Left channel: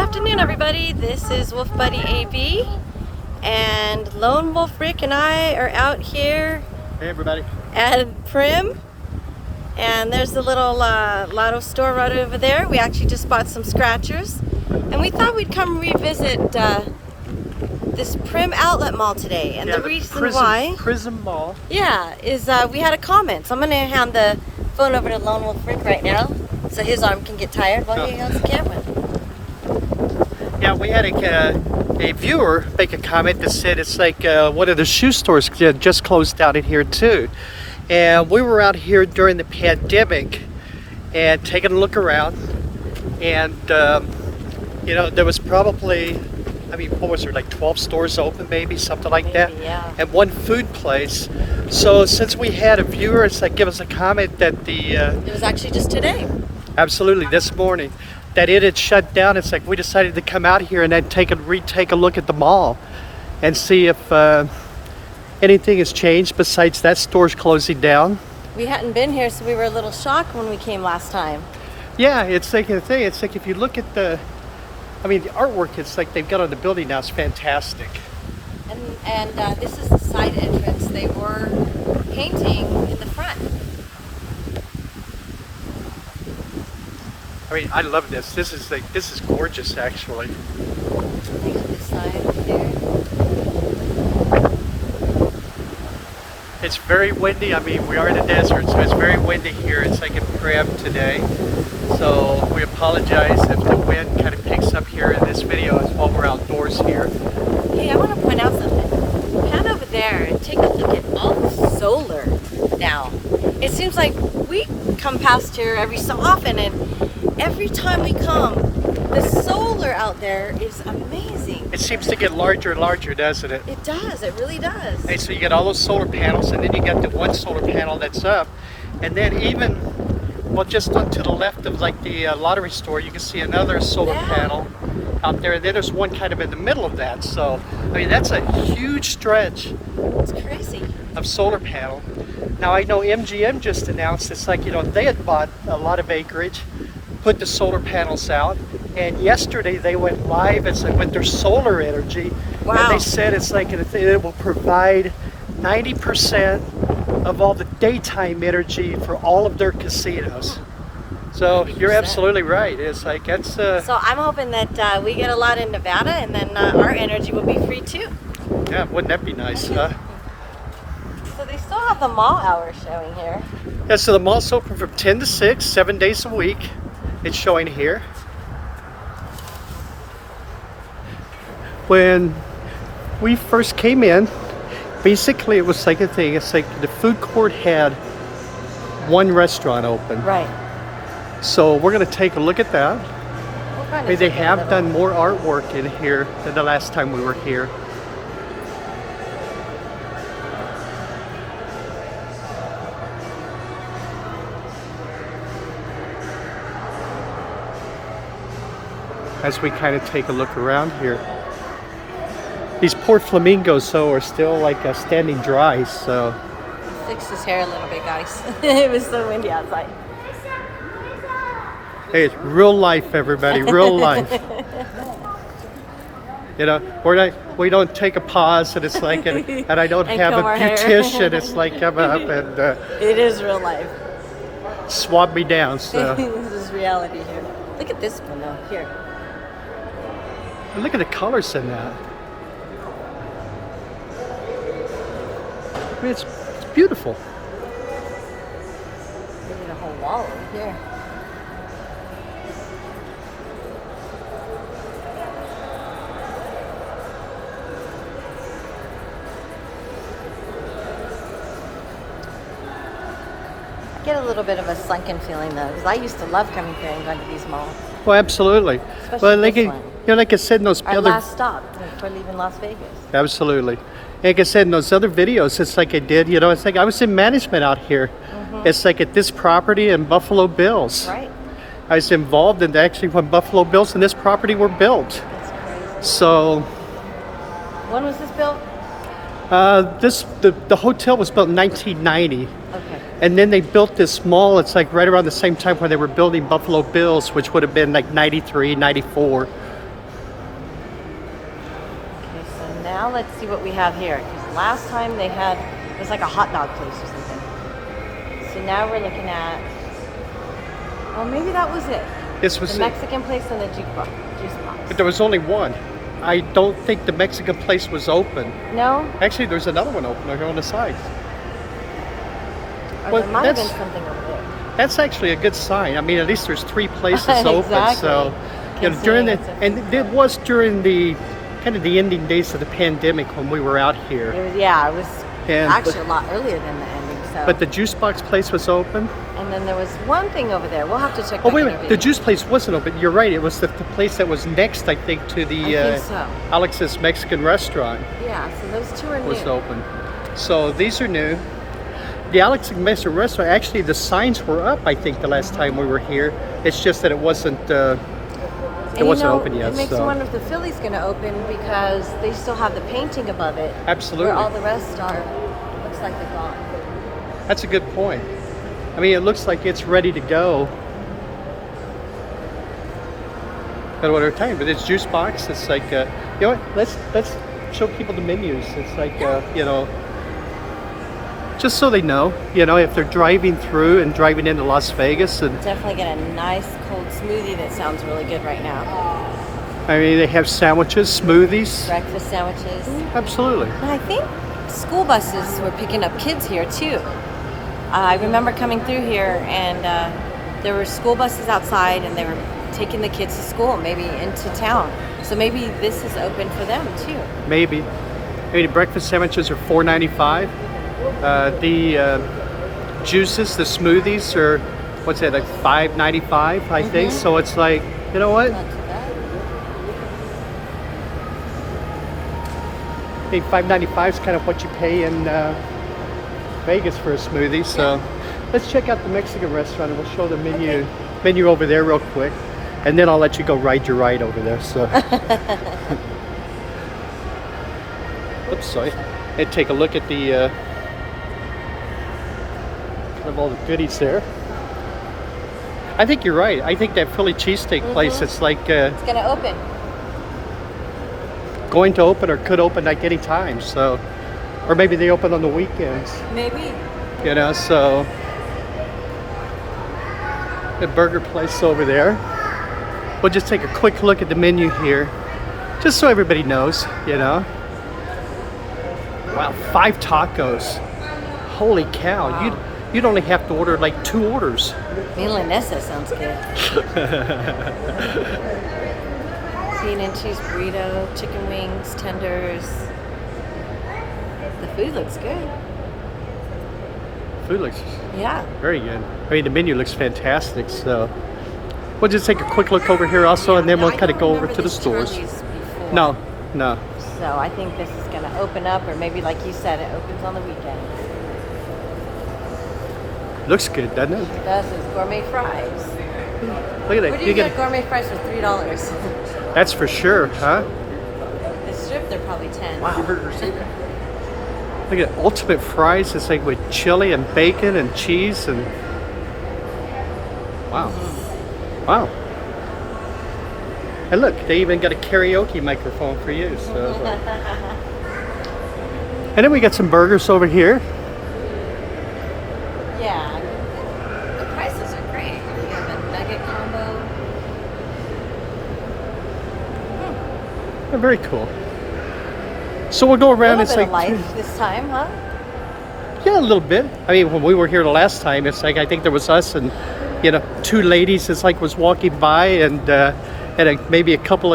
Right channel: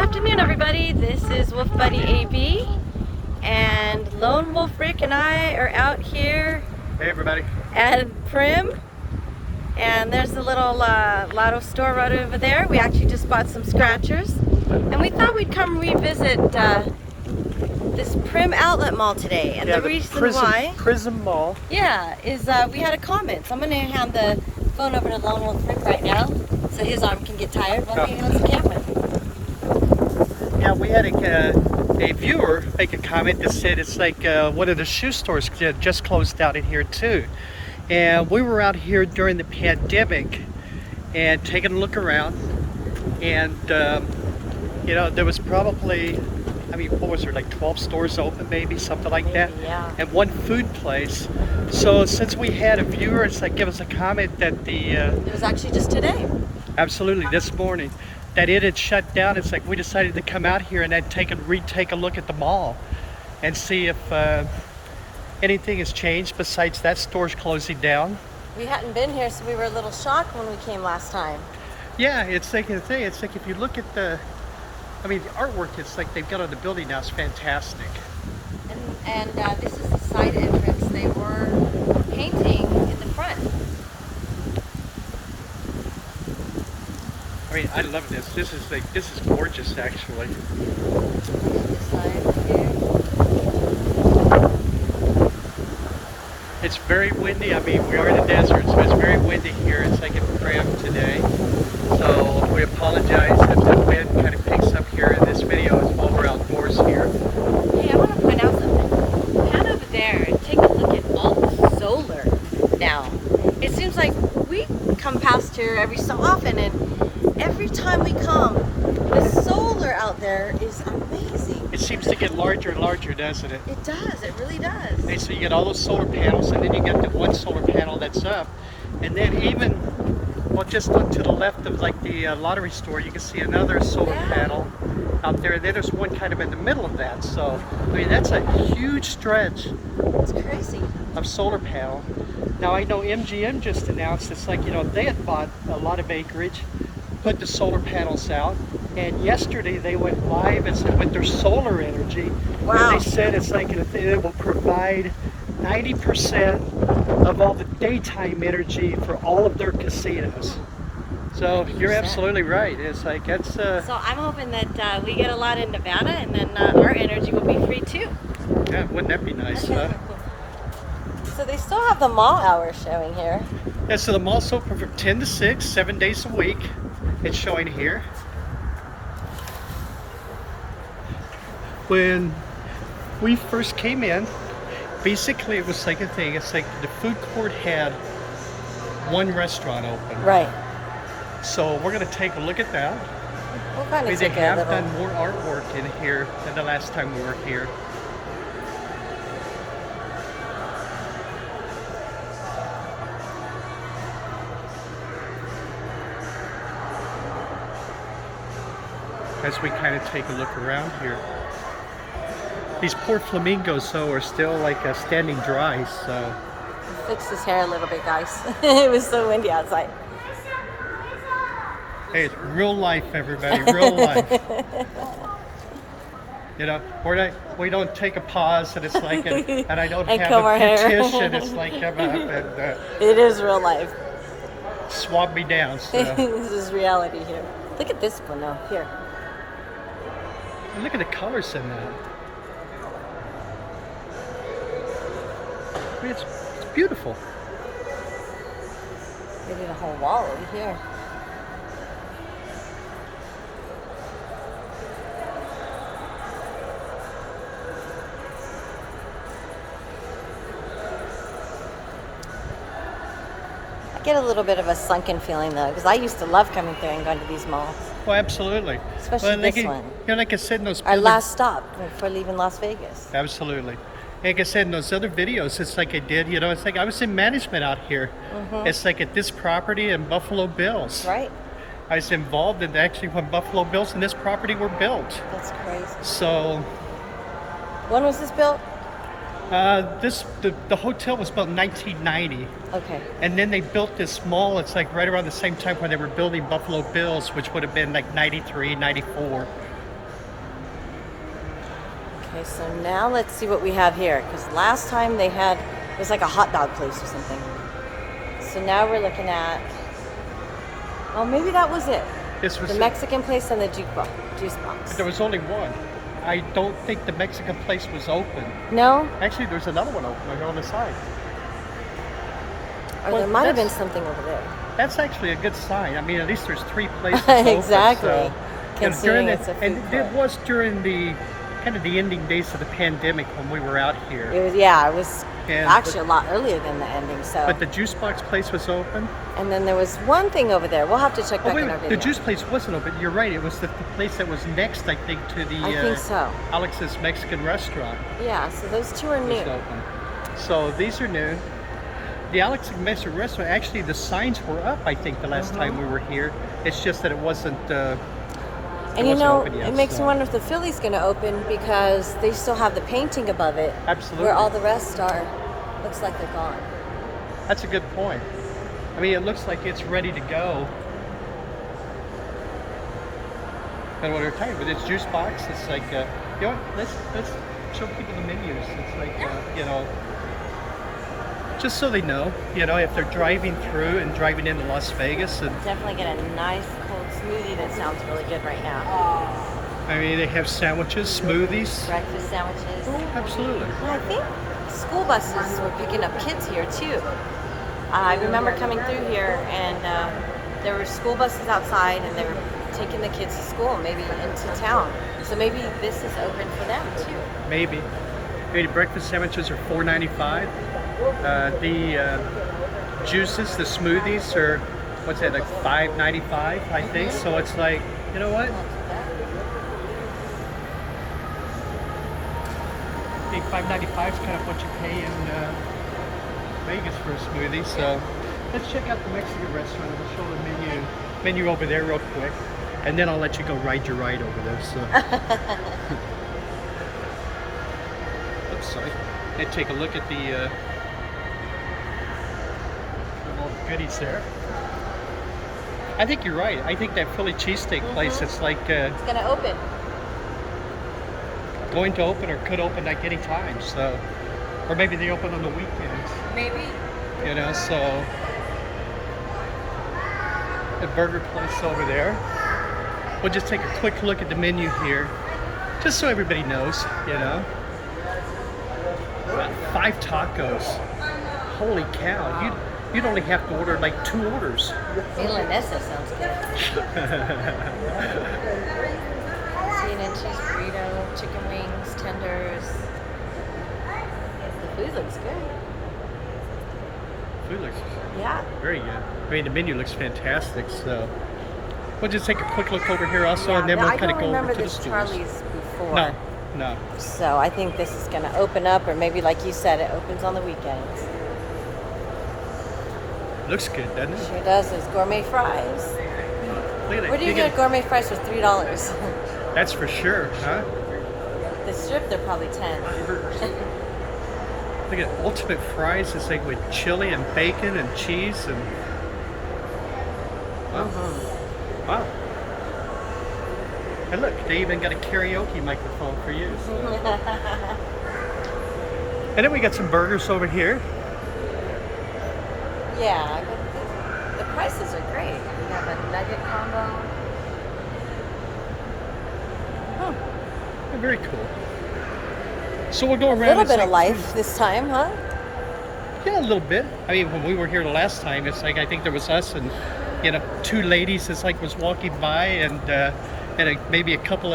afternoon, everybody. This is Wolf Buddy AB, and Lone Wolf Rick and I are out here. Hey, everybody. At Primm, and there's the little lotto store right over there. We actually just bought some scratchers, and we thought we'd come revisit this Primm outlet mall today. And the reason why, Prizm Mall. yeah, is we had a comment. So I'm gonna hand the phone over to Lone Wolf Rick right now, so his arm can get tired while he holds the camera. Yeah, we had a viewer make a comment that said it's like one of the shoe stores just closed down in here too. And we were out here during the pandemic and taking a look around, and you know, there was probably, I mean, what was there, like 12 stores open, maybe something like that, Yeah. and one food place. So since we had a viewer, it's like give us a comment that the It was actually just today. absolutely this morning that it had shut down. It's like we decided to come out here and then retake a look at the mall and see if anything has changed besides that store's closing down. We hadn't been here, so we were a little shocked when we came last time. Yeah, it's like a thing. It's like if you look at the artwork, it's like they've got on the building now is fantastic. And this is the side entrance. They were painting in the front. I mean, I love this. This is gorgeous, actually. Something on this side there. It's very windy. I mean, we are in the desert, so it's very windy here. It's like in Primm today. So we apologize if the wind kind of picks up here in this video while we're outdoors here. Hey, I want to point out something. Pan over there and take a look at all the solar now. It seems like we come past here every so often, and every time we come, the solar out there is amazing. It seems to get larger and larger, doesn't it? It does. It really does. And so you get all those solar panels, and then you get the one solar panel that's up, and then even, well, just on to the left of like the lottery store, you can see another solar panel out there, and then there's one kind of in the middle of that. So, I mean, that's a huge stretch. It's crazy. Of solar panel. Now I know MGM just announced it's like, you know, they had bought a lot of acreage, put the solar panels out, and yesterday they went live and said with their solar energy, and they said it's like it will provide 90% of all the daytime energy for all of their casinos. So 90%. You're absolutely right. It's like that's. So I'm hoping that we get a lot in Nevada, and then our energy will be free too. Yeah, wouldn't that be nice, huh? So they still have the mall hours showing here. Yeah, so the mall's open from 10 to 6, 7 days a week. It's showing here. When we first came in, basically it was like a thing. It's like the food court had one restaurant open. Right. So we're going to take a look at that. They have done more artwork in here than the last time we were here. As we kind of take a look around here. These poor flamingos, though, are still like standing dry, so. He fixed his hair a little bit, guys. It was so windy outside. Hey, it's real life, everybody, real life. You know, we don't take a pause, and it's like, and I don't have a beautician. It's like come up and it is real life. Swab me down. So this is reality here. Look at this one though. Here. And look at the colors in that. I mean, it's beautiful. Maybe a whole wall over here. I get a little bit of a sunken feeling though, because I used to love coming here and going to these malls. Well, absolutely. Especially well, like this you one. know, like I said in those Our last stop before leaving Las Vegas. Absolutely. Like I said in those other videos, it's like I did, you know, it's like I was in management out here. Mm-hmm. It's like at this property and Buffalo Bills. Right. I was involved in actually when Buffalo Bills and this property were built. That's crazy. So. When was this built? The hotel was built in 1990. Okay. And then they built this mall. It's like right around the same time where they were building Buffalo Bills, which would have been like 93, 94. let's see what we have here. Because last time they had, it was like a hot dog place or something. So now we're looking at, oh, maybe that was it. This was the it. Mexican place and the juice box. But there was only one. I don't think the Mexican place was open. No? Actually, there's another one open over here on the side. Or there might have been something over there. That's actually a good sign. I mean, at least there's 3 places open. Exactly. So, you know, during the, and it was during the kind of the ending days of the pandemic when we were out here. It was, yeah, it was actually a lot earlier than the ending. So. But the juice box place was open. And then there was one thing over there. We'll have to check. Oh wait a minute, the juice place wasn't open. You're right. It was the place that was next, I think, to the Alex's Mexican restaurant. Yeah. So those 2 are new. Was open. So these are new. The Alex's Mexican restaurant. Actually, the signs were up. I think the last time we were here. It's just that it wasn't. It wasn't open yet. It makes me wonder if the Philly's going to open because they still have the painting above it. Absolutely. Where all the rest are. Looks like they're gone. That's a good point. I mean, it looks like it's ready to go. I don't know what they're talking, but it's juice box. It's like, you know what? Let's show people the menus. It's like, you know, just so they know, you know, if they're driving through and driving into Las Vegas. And definitely get a nice cold smoothie that sounds really good right now. I mean, they have sandwiches, smoothies. Breakfast sandwiches. Absolutely. And I think school buses were picking up kids here too. I remember coming through here and there were school buses outside and they were taking the kids to school, maybe into town. So maybe this is open for them too. Maybe. I mean, the breakfast sandwiches are $4.95. The juices, the smoothies are, what's that, like $5.95, I think. So it's like, you know what? I think $5.95 is kind of what you pay in Vegas for a smoothie. So let's check out the Mexican restaurant and we'll show the menu over there real quick, and then I'll let you go ride your ride over there. So oops, sorry. And take a look at the of all the goodies there. I think you're right. I think that Philly cheesesteak place, it's like it's gonna open. Going to open or could open like any time. So, or maybe they open on the weekends. Maybe. You know, so a burger place over there. We'll just take a quick look at the menu here, just so everybody knows, you know. Wow, 5 tacos. Holy cow, you'd only have to order like 2 orders. Milanesa sounds good. Bean and cheese burrito, chicken wings, tenders. The food looks good. Food looks very good. I mean, the menu looks fantastic. So we'll just take a quick look over here also, and then we'll kind of go over to the stores. Before, no. So I think this is going to open up, or maybe like you said, it opens on the weekends. Looks good, doesn't it? It sure does. It's gourmet fries. Look at that. Where do you get a gourmet fries for $3? That's for sure, huh? The strip, they're probably 10. Wow. Look at ultimate fries. It's like with chili and bacon and cheese and wow. Wow. And look, they even got a karaoke microphone for you. So. And then we got some burgers over here. Yeah, the prices are great. You have a nugget combo. Oh, very cool. So we'll go around. It's like life this time, huh? Yeah, a little bit. I mean, when we were here the last time, it's like I think there was us and 2 ladies. It's like was walking by and maybe a couple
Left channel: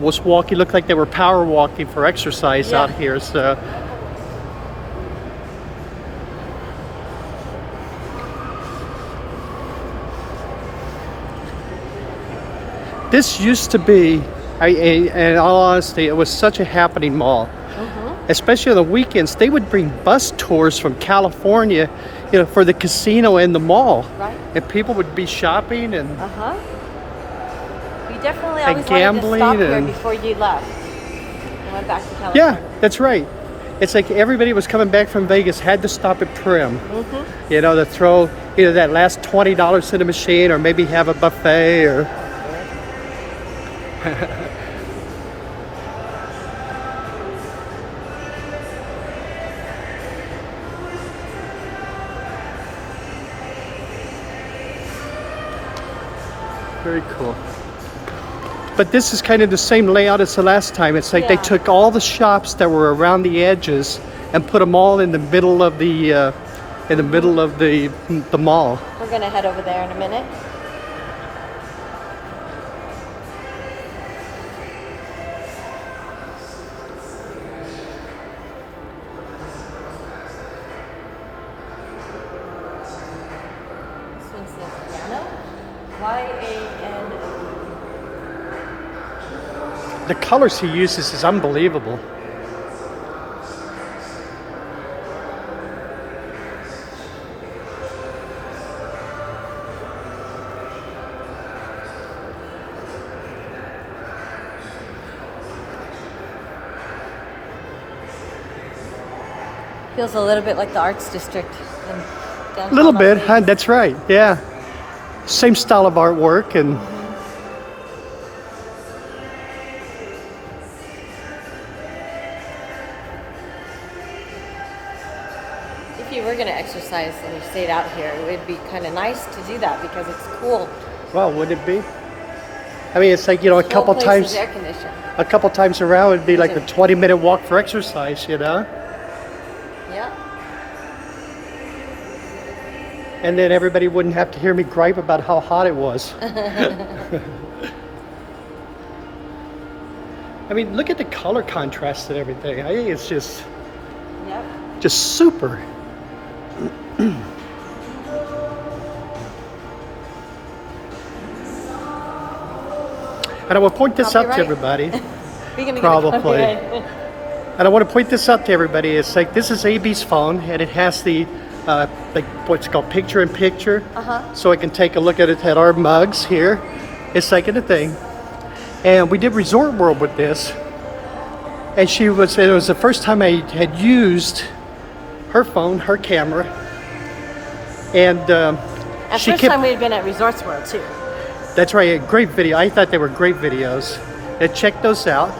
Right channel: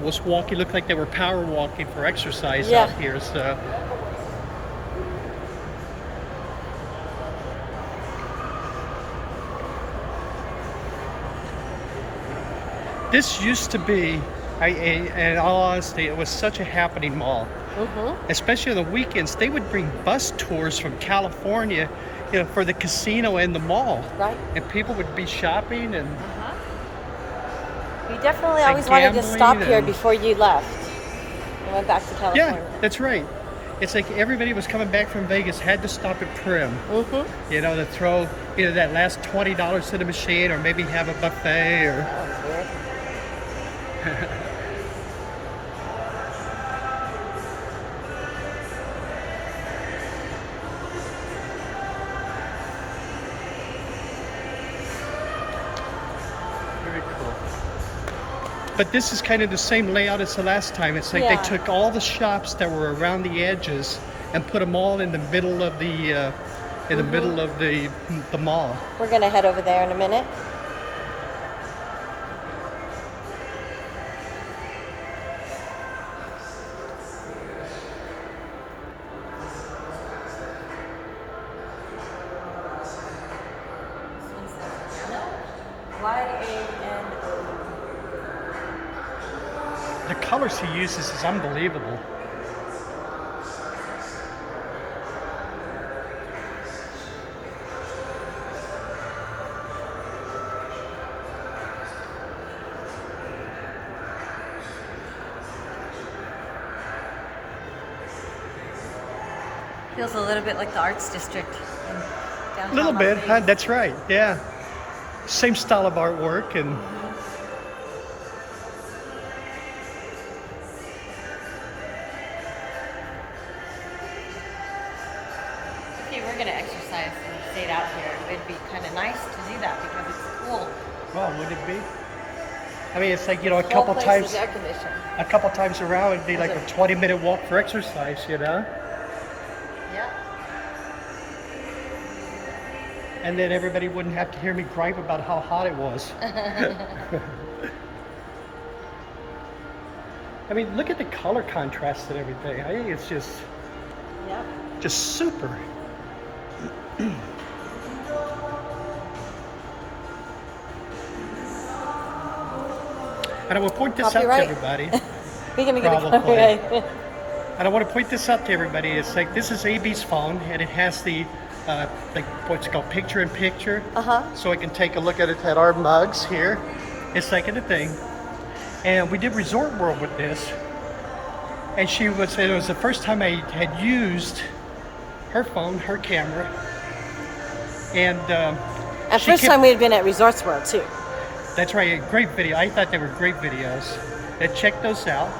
was walking. Looked like they were power walking for exercise out here. So. This used to be, in all honesty, it was such a happening mall. Especially on the weekends, they would bring bus tours from California, for the casino and the mall. Right. And people would be shopping and We definitely always wanted to stop here before you left. Went back to California. Yeah, that's right. It's like everybody was coming back from Vegas had to stop at Primm, to throw either that last $20 in the machine or maybe have a buffet or. Very cool. But this is kind of the same layout as the last time. It's like they took all the shops that were around the edges and put them all in the middle of the the mall. We're gonna head over there in a minute. This one says Yano. Y-A-N-O-E. The colors he uses is unbelievable. Feels a little bit like the Arts District in downtown. A little Las bit, Vegas. huh? That's right. Yeah. Same style of artwork and. If you were going to exercise and you stayed out here, it would be kind of nice to do that because it's cool. Well, would it be? I mean, it's like, you know, a couple times around it'd be like a 20-minute walk for exercise, you know? Yeah. And then everybody wouldn't have to hear me gripe about how hot it was. I mean, look at the color contrast and everything. I think it's just super. And I will point this out to everybody. Probably. And I want to point this out to everybody. It's like, this is AB's phone, and it has the like what's called picture-in-picture. So I can take a look at it at our mugs here. It's like a thing. And we did Resort World with this. And it was the first time I had used her phone, her camera. And first time we had been at Resorts World too. That's right, a great video. I thought they were great videos. Check those out.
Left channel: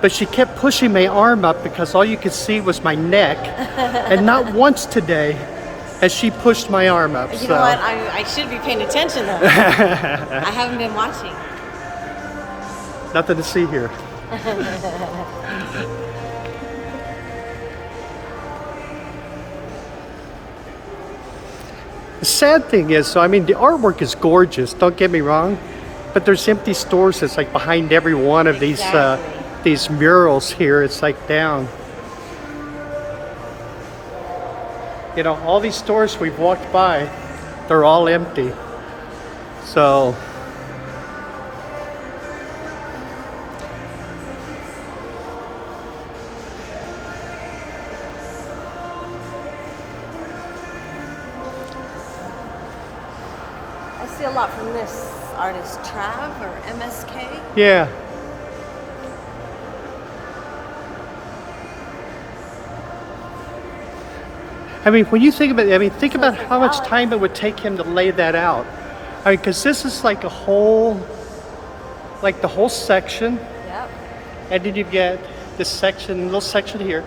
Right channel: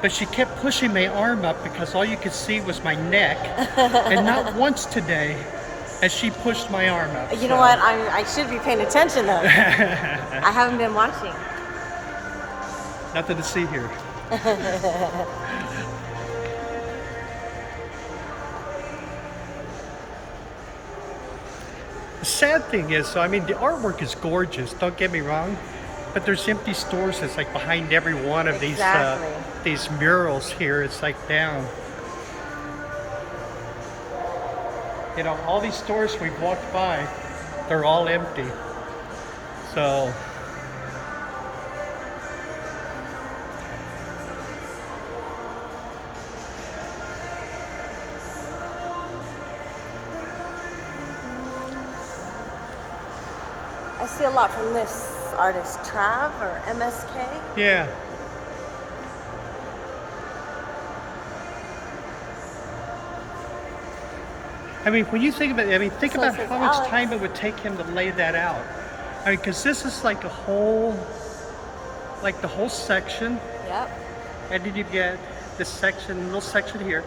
But she kept pushing my arm up because all you could see was my neck. And not once today has she pushed my arm up. You know what? I should be paying attention though. I haven't been watching. Nothing to see here. The sad thing is, so I mean, the artwork is gorgeous, don't get me wrong, but there's empty stores that's like behind every one of these murals here. It's like down. You know, all these stores we've walked by, they're all empty. So I see a lot from this artist, Trav or MSK. yeah. I mean, when you think about it, think about how much time it would take him to lay that out. I mean, because this is like a whole, like the whole section. Yeah. And then you get this section, little section here.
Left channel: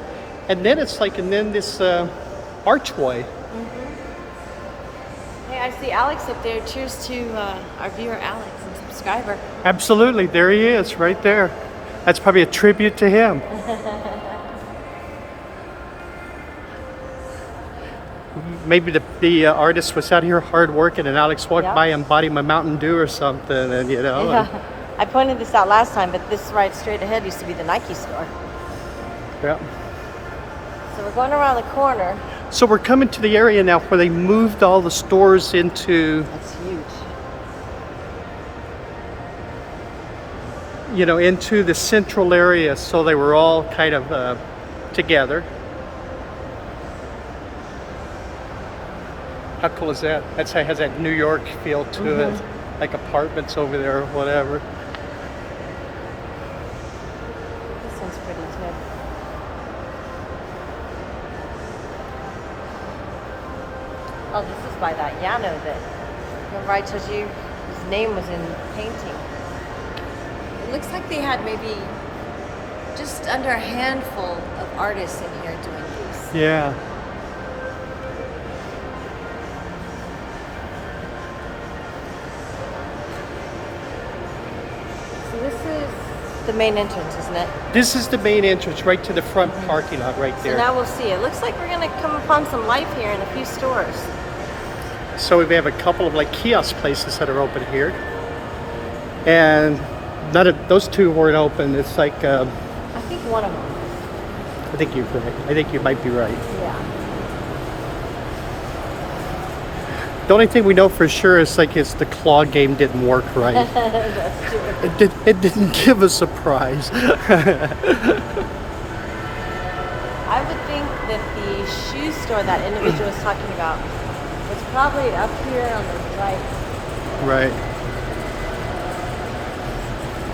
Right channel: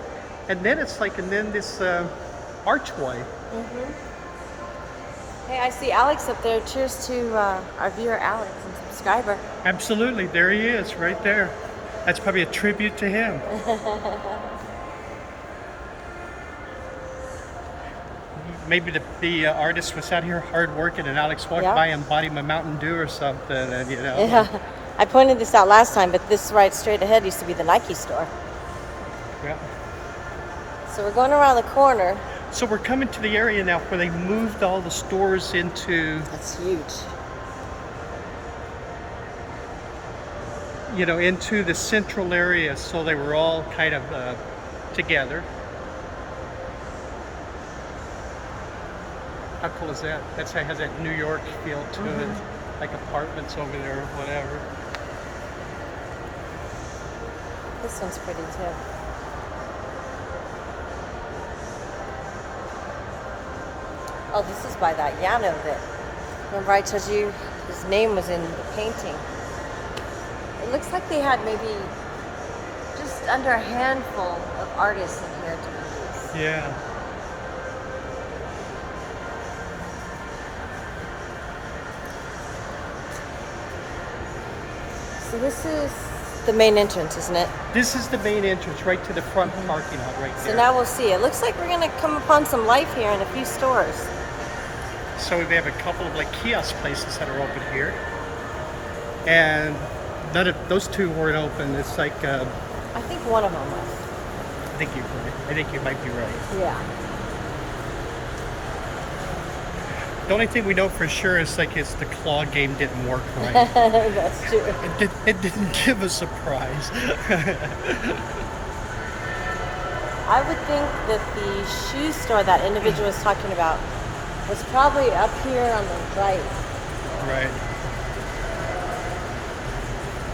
And then it's like, and then this archway. Hey, I see Alex up there. Cheers to our viewer Alex and subscriber. Absolutely, there he is, right there. That's probably a tribute to him. Maybe the artist was out here hard working and Alex walked by and bought him a Mountain Dew or something, and you know. Yeah. I pointed this out last time, but this right straight ahead used to be the Nike store. Yeah. So we're going around the corner. So we're coming to the area now where they moved all the stores into. That's huge. You know, into the central area, so they were all kind of together. How cool is that? That's how it has that New York feel to it, like apartments over there or whatever. This one's pretty too. Oh, this is by that Yano bit. Remember I told you his name was in painting. It looks like they had maybe just under a handful of artists in here doing these. Yeah. This is the main entrance, isn't it? This is the main entrance, right to the front parking lot, right So there. now we'll see. It looks like we're going to come upon some life here in a few stores. So we have a couple of like kiosk places that are open here, and none of those two weren't open. It's like I think one of them is. I think you're right. I think you might be right. Yeah. The only thing we know for sure is like the claw game didn't work right. That's true. It didn't give us a prize. I would think that the shoe store that individual was talking about was probably up here on the right. Right.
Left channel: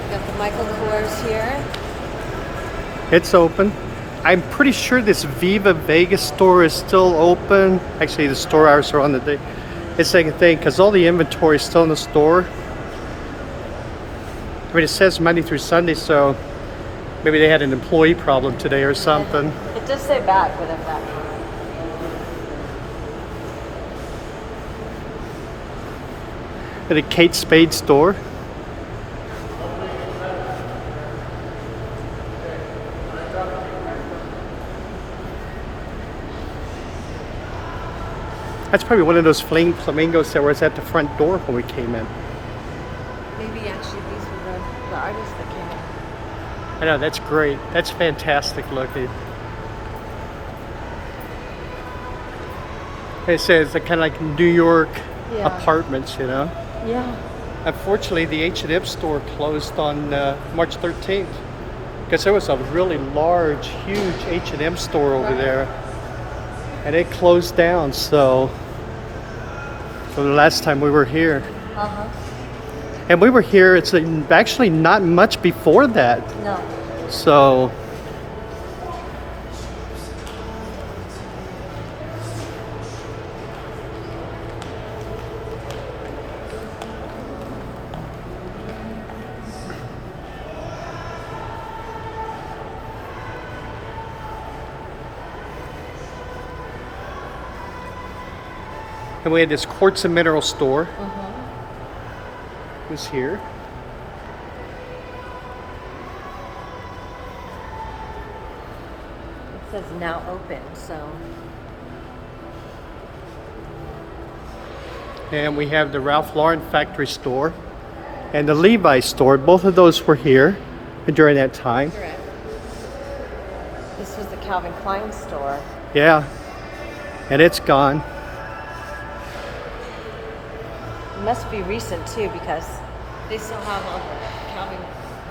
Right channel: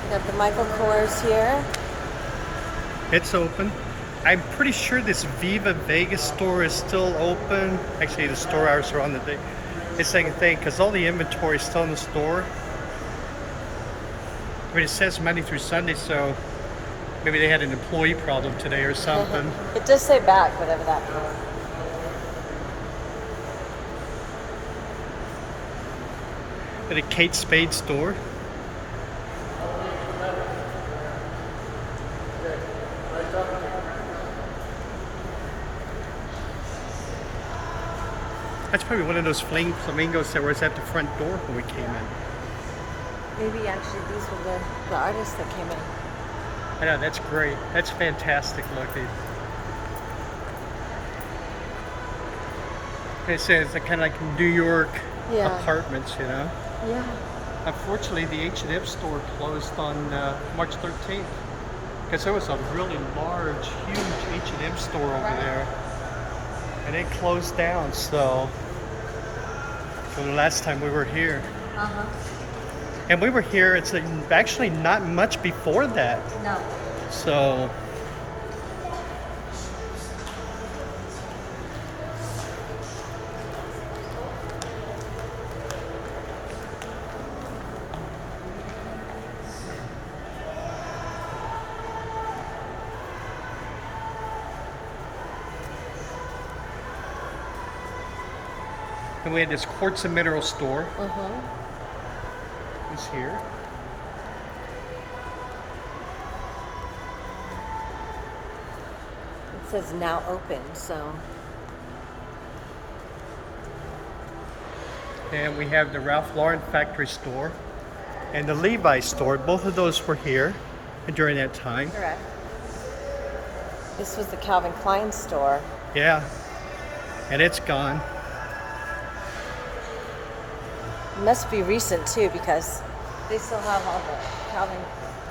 We got the Michael Kors here. It's open. I'm pretty sure this Viva Vegas store is still open. Actually, the store hours are on the day. It's like a thing because all the inventory is still in the store. I mean, it says Monday through Sunday, so maybe they had an employee problem today or something. It does say back, but I'm back. At a Kate Spade store. That's probably one of those flamingos that was at the front door when we came in. Maybe actually these were the artists that came in. I know, that's great. That's fantastic looking. It says kind of like New York apartments, you know? Yeah. Unfortunately, the H&M store closed on March 13th because there was a really large, huge H&M store over there, and it closed down. So, for the last time we were here, and we were here, it's actually not much before that. No. So. And we had this quartz and mineral store. It was here. It says now open, so. And we have the Ralph Lauren factory store and the Levi's store. Both of those were here during that time. Correct. This was the Calvin Klein store. Yeah. And it's gone. It must be recent too, because they still have all the Calvin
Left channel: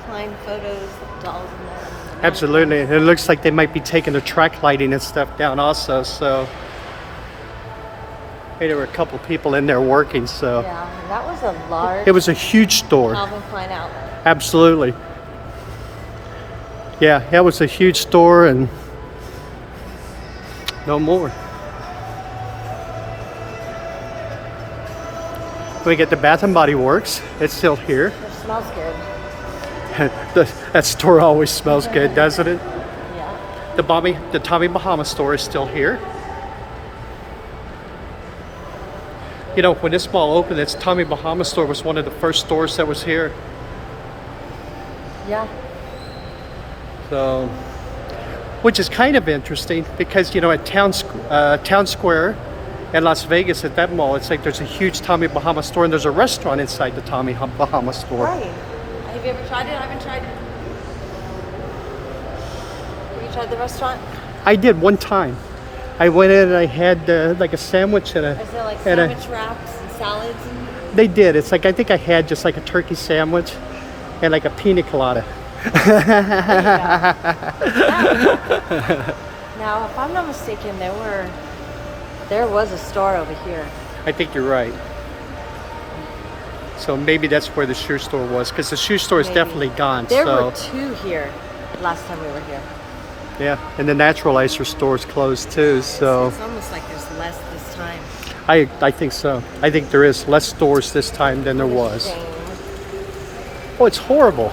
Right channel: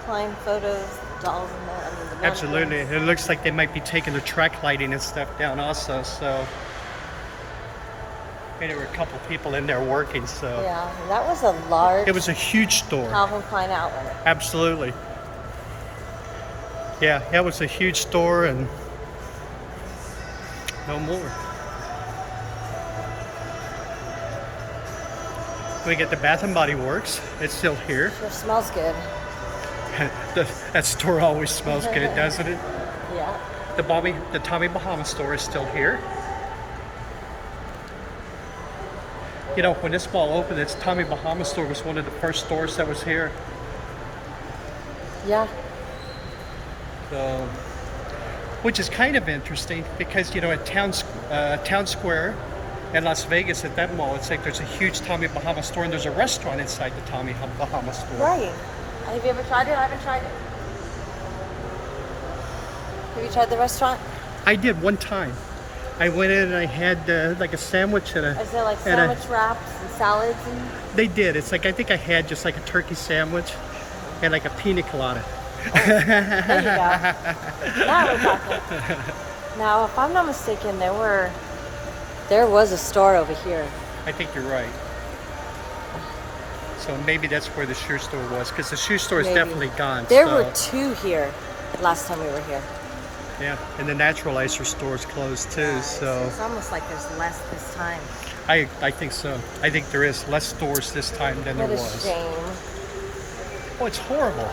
Klein photos, the dolls in there. The Absolutely. It looks like they might be taking the track lighting and stuff down also. So hey, there were a couple people in there working. So yeah, that was a large. it was a huge store. Calvin Klein outlet. Absolutely. Yeah, that was a huge store and no more. We get the Bath and Body Works. It's still here. It smells good. That store always smells good, doesn't it? Yeah. The Tommy Bahama store is still here. You know, when this mall opened, its Tommy Bahama store was one of the first stores that was here. Yeah. So, which is kind of interesting because, you know, at Town Square in Las Vegas at that mall, it's like there's a huge Tommy Bahama store and there's a restaurant inside the Tommy Bahama store. Right. Have you ever tried it? I haven't tried it. Have you tried the restaurant? I did one time. I went in and I had like a sandwich and a. Is it like and sandwich wraps and salads? And... They did. It's like I think I had just like a turkey sandwich and like a pina colada. There you go. Now, if I'm not mistaken, there was a store over here. I think you're right. So maybe that's where the shoe store was, because the shoe store is definitely gone. There were two here last time we were here. Yeah, and the Naturalizer store is closed too. Yeah, so it's almost like there's less this time. I think so. I think there is less stores this time than there was. Shame. Oh, it's horrible.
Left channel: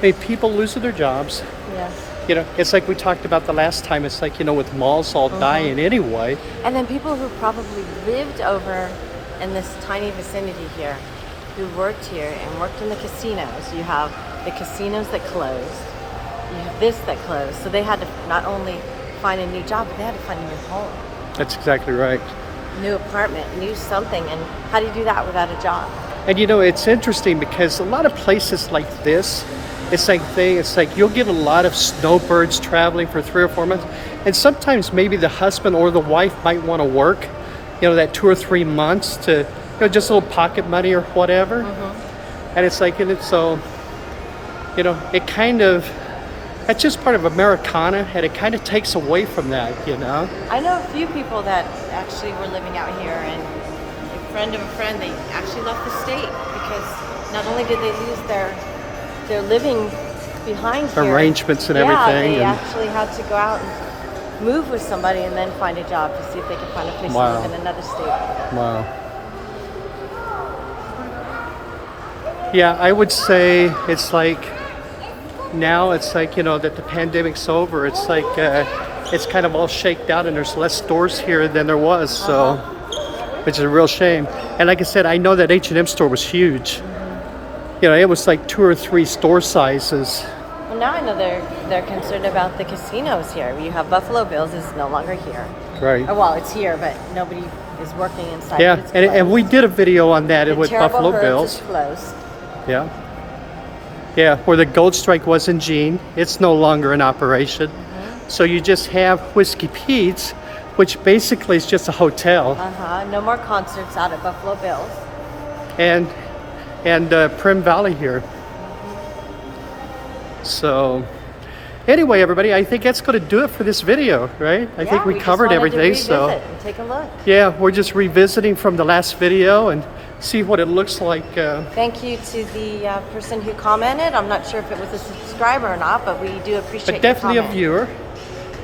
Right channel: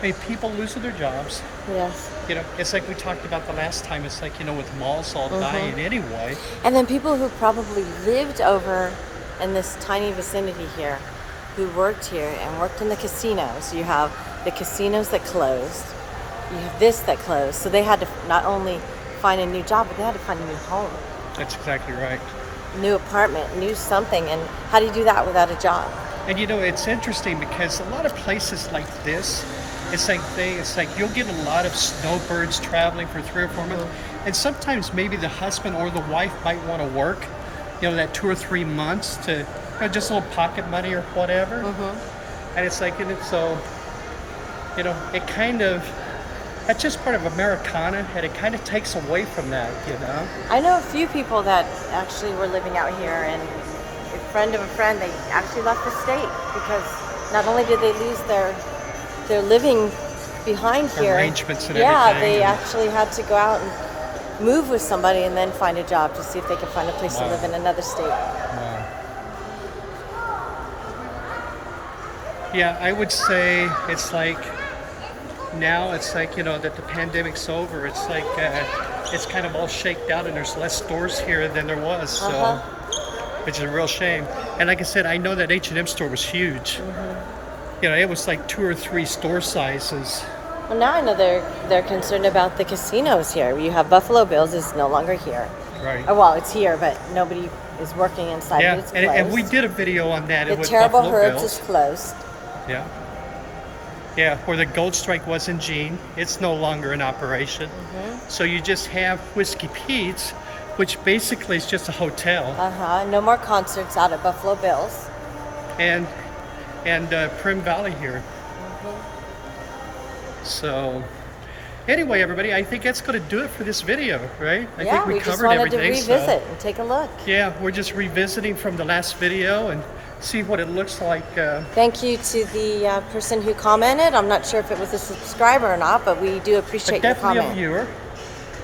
Hey, people losing their jobs. Yes. You know, it's like we talked about the last time. It's like, you know, with malls all dying anyway. And then people who probably lived over in this tiny vicinity here, who worked here and worked in the casinos. You have the casinos that closed. You have this that closed. So they had to not only find a new job, but they had to find a new home, That's exactly right. new apartment, new something. And how do you do that without a job? And you know, it's interesting because a lot of places like this, it's like you'll get a lot of snowbirds traveling for 3 or 4 months. And sometimes maybe the husband or the wife might want to work, you know, that 2 or 3 months to, you know, just a little pocket money or whatever. And it's like, and so, you know, it kind of, that's just part of Americana, and it kind of takes away from that, you know. I know a few people that actually were living out here, and a friend of a friend, they actually left the state because not only did they lose their living behind here, Arrangements and everything. they And actually had to go out and move with somebody and then find a job to see if they could find a place to live in another state. wow. Yeah, I would say it's like now it's like, you know, that the pandemic's over. It's like it's kind of all shaked out, and there's less stores here than there was. So, which is a real shame. And like I said, I know that H&M store was huge. You know, it was like 2 or 3 store sizes. Well, now I know they're concerned about the casinos here. You have Buffalo Bills is no longer here. Right. Oh, well, it's here, but nobody is working inside. Yeah, It's and we closed. did a video on that The with Terrible Buffalo Herbs Bills. is closed. Yeah. Yeah, where the Gold Strike was in Jean, it's no longer in operation. So you just have Whiskey Pete's, which basically is just a hotel, No more concerts out at Buffalo Bills. and Primm Valley here. So anyway, everybody, I think that's going to do it for this video, right? I think we covered just wanted to everything. So revisit and take a look. yeah, we're just revisiting from the last video and see what it looks like. Thank you to the person who commented. I'm not sure if it was a subscriber or not, but we do appreciate But definitely a your comment. viewer,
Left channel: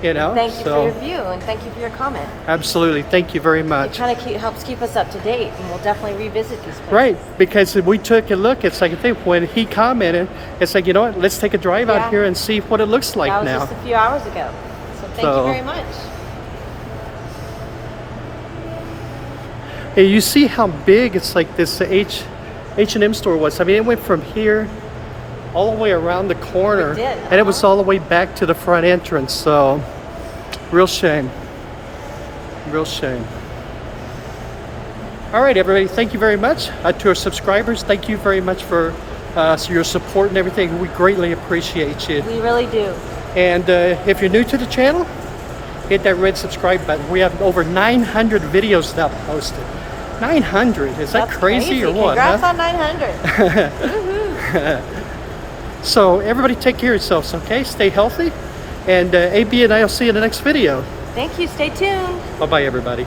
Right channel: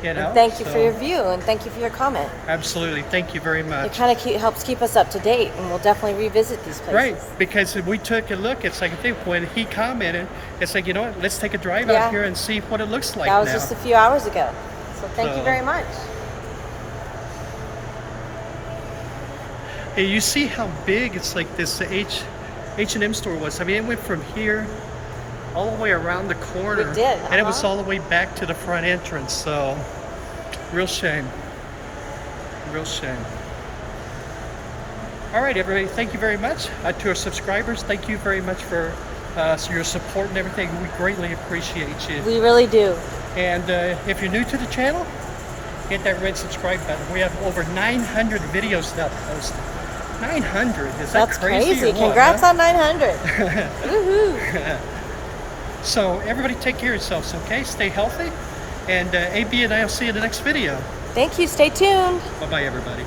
you know. Thank you so, for your view, and thank you for your comment. Absolutely, thank you very It much. kind of helps keep us up to date, and we'll definitely revisit these places. Right, because we took a look. It's like I think when he commented, it's like, you know what? Let's take a drive out Yeah. here and see what it looks like That was now. just a few hours ago. So thank So- you very much. And you see how big it's like this H&M store was. I mean, it went from here all the way around the corner, It did, and it was all the way back to the front entrance. So, real shame. Real shame. All right, everybody. Thank you very much to our subscribers. Thank you very much for your support and everything. We greatly appreciate you. We really do. And if you're new to the channel, hit that red subscribe button. We have over 900 videos now posted. 900? Is that That's crazy or what? Congrats Huh? on 900. Woohoo. So everybody take care of yourselves, okay? Stay healthy. And AB and I will see you in the next video. Thank you. Stay tuned. Bye-bye, everybody.